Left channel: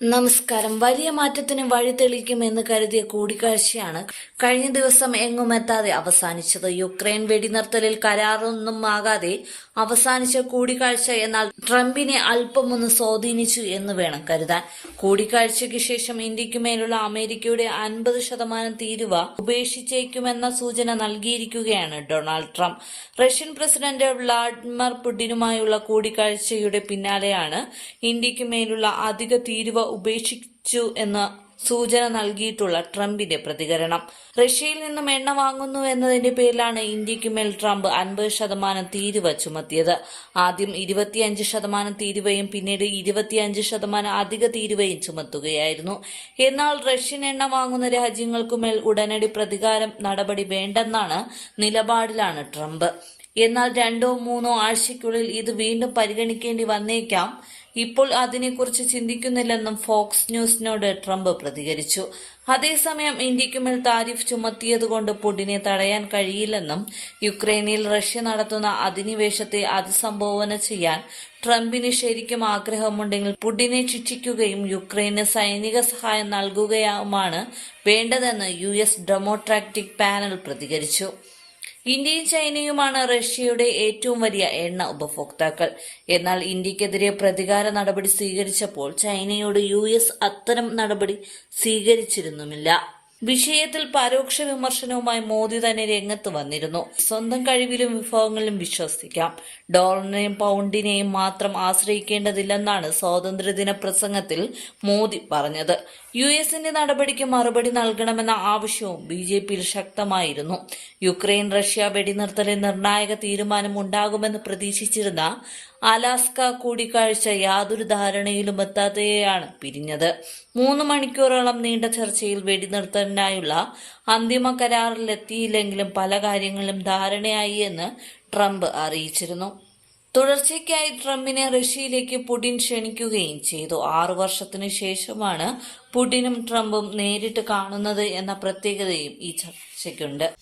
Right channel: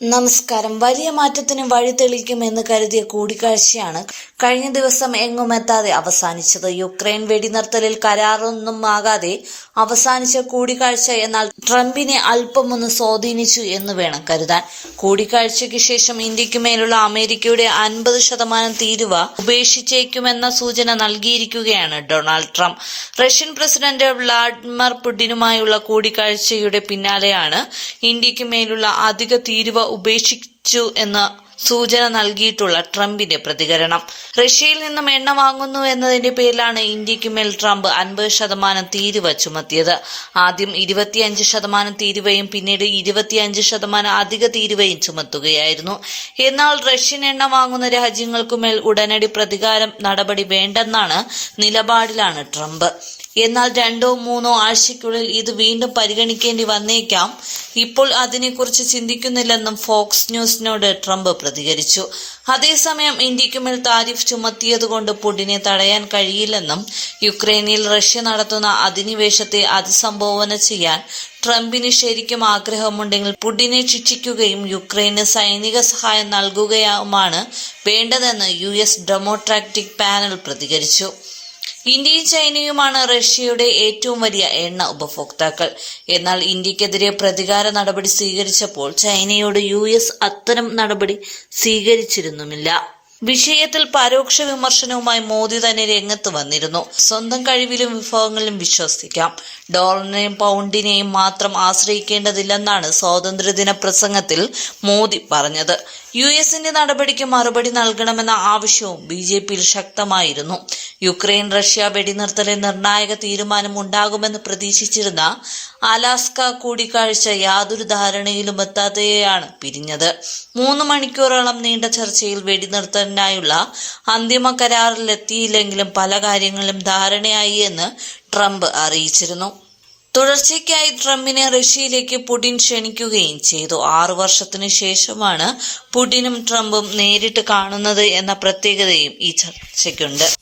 നമസ്കാരം. വലിയ മാറ്റത്തിന് വഴി തെളിക്കുമെന്ന് കരുതിയ കൂടിക്കാഴ്ചയാണ് കഴിഞ്ഞ ദിവസം എങ്ങുമെത്താതെ അവസാനിച്ചത്. യുക്രൈൻ വെടിനിർത്തലിൽ കരാറൊന്നും ആകാതെ അവസാനിച്ച കൂടിക്കാഴ്ച എന്നാൽ ട്രംപിനെ അല്പമൊന്ന് സ്വാധീനിച്ചു എന്ന് വേണം കരുതാൻ. കൂടിക്കാഴ്ചയ്ക്ക് ശേഷം ഇന്ത്യയ്ക്ക് മേലുള്ള അമേരിക്കയുടെ അൻപത് ശതമാനം തീരുവ ഉപേക്ഷിച്ചേക്കുമെന്ന സൂചന നൽകിയിരിക്കുകയാണ് Donald Trump. Russian president Vladimir പുടിനുമായുള്ള കൂടിക്കാഴ്ചയുടെ പിന്നാലെയാണ് ഇന്ത്യയ്ക്ക് മേലുള്ള അധിക തീരുവ ഉപേക്ഷിച്ചു എന്ന സൂചന നൽകിയിട്ടുള്ള ട്രംപിന്റെ പ്രതികരണം. റഷ്യയിൽ നിന്നും എണ്ണ വാങ്ങുന്നു എന്നതിന്റെ പേരിലാണ് ഇന്ത്യയ്ക്ക് മേൽ ട്രംപ് അൻപത് ശതമാനം തീരുവ ചുമത്തിയത്. ആദ്യം ഇരുപത്തിയഞ്ച് ശതമാനം തീരുവയും പിന്നീട് ഇരുപത്തിയഞ്ച് ശതമാനം അധിക തീരുവയും ചുമത്തുകയായിരുന്നു. എന്നാൽ റഷ്യൻ എണ്ണ വാങ്ങുന്ന രാജ്യങ്ങൾക്കുമേൽ ഉടനടി പ്രതികാരം നടപടി വേണ്ടെന്നാണ് നിലപാടിലാണ് ട്രംപ്. എന്നാൽ രണ്ടോ മൂന്നോ ആഴ്ചയ്ക്കുള്ളിൽ ഇത് വീണ്ടും പരിഗണിക്കേണ്ടി വന്നേക്കാം. ഇപ്പോൾ അതിനെക്കുറിച്ച് ചിന്തിക്കുന്നില്ലെന്നും ഫോക്സ് ന്യൂസിനോട് ട്രംപ് പ്രതികരിച്ചു. അതേസമയം ഇന്ത്യക്കുമേൽ താരിഫ് ചുമത്തിയതുകൊണ്ട് പുടിനെ തടയാൻ കഴിയില്ലെന്നും യുക്രൈനിൽ റഷ്യ നടത്തുന്ന അധിനിവേശത്തെ അതിസംബോധന ചെയ്യാൻ ട്രംപിന് ശരിക്കും ആഗ്രഹമുണ്ടെങ്കിൽ പുടിനെ ശിക്ഷിക്കുകയും യുക്രൈന് സൈനിക സഹായം നൽകുകയുമാണ് വേണ്ടതെന്ന് യു എസ് ഡെമോക്രാറ്റിക് പാനൽ പ്രതികരിച്ചു. ഇന്ത്യയും ചൈനയുമാണ് റഷ്യയുടെ ഏറ്റവും വലിയ എണ്ണ ഉപഭോക്താക്കൾ. എന്നാൽ ഇന്ത്യക്കെതിരെ പ്രതികാര നടപടി സ്വീകരിച്ചപ്പോൾ ചൈനയോട് യു അത്തരം നടപടി സ്വീകരിച്ചിരുന്നുമില്ല. വിഷയത്തിൽ പരോക്ഷ വിമർശനവുമായി മോദി തന്നെ രംഗത്ത് വന്നിരുന്നു. സ്വന്തം കഴിവിലും വിഭവങ്ങളിലും വിശ്വസിക്കാം. ഡോളറിനെയും പൗണ്ടിനെയും മാത്രം ആശ്രയിക്കേണ്ടതില്ലെന്നാണ് സ്വാതന്ത്ര്യദിന പ്രസംഗത്തിൽ മോദി പറഞ്ഞത്. യു എസിന്റെ നടപടിക്ക് മറുപടി നൽകണമെന്ന ആവശ്യവും ബി ജെ പിയിൽ ശക്തമായിരുന്നു. യുക്രൈൻ റഷ്യ വെടിനിർത്തലിൽ നിർണായക തീരുമാനം ഉണ്ടാകുമെന്ന് പ്രതീക്ഷിച്ചിരുന്ന അലാസ്ക കൂടിക്കാഴ്ച യാതൊരു ധാരണയിലും എത്താതെയാണ് പിരിഞ്ഞത്. മൂന്ന് മണിക്കൂറോളം നീണ്ട ചർച്ചയിൽ വെടിനിർത്തലിനായുള്ള അന്തിമ കരാറിലെത്തിയില്ലെങ്കിലും പല കാര്യങ്ങളിലും ധാരണയായി എന്ന് ട്രംപ് അറിയിച്ചിരുന്നു. തുടർച്ചയ്ക്കായി ട്രംപിനെ റഷ്യയിലേക്ക് പുടിൻ ക്ഷണിക്കുകയും ചെയ്തു. ആറു വർഷത്തിന് ശേഷമാണ് പുടിനും ട്രംപും നേരിട്ട് കാണുന്നത് എന്ന പ്രത്യേകതയും ഈ ചർച്ചയ്ക്കുണ്ട്.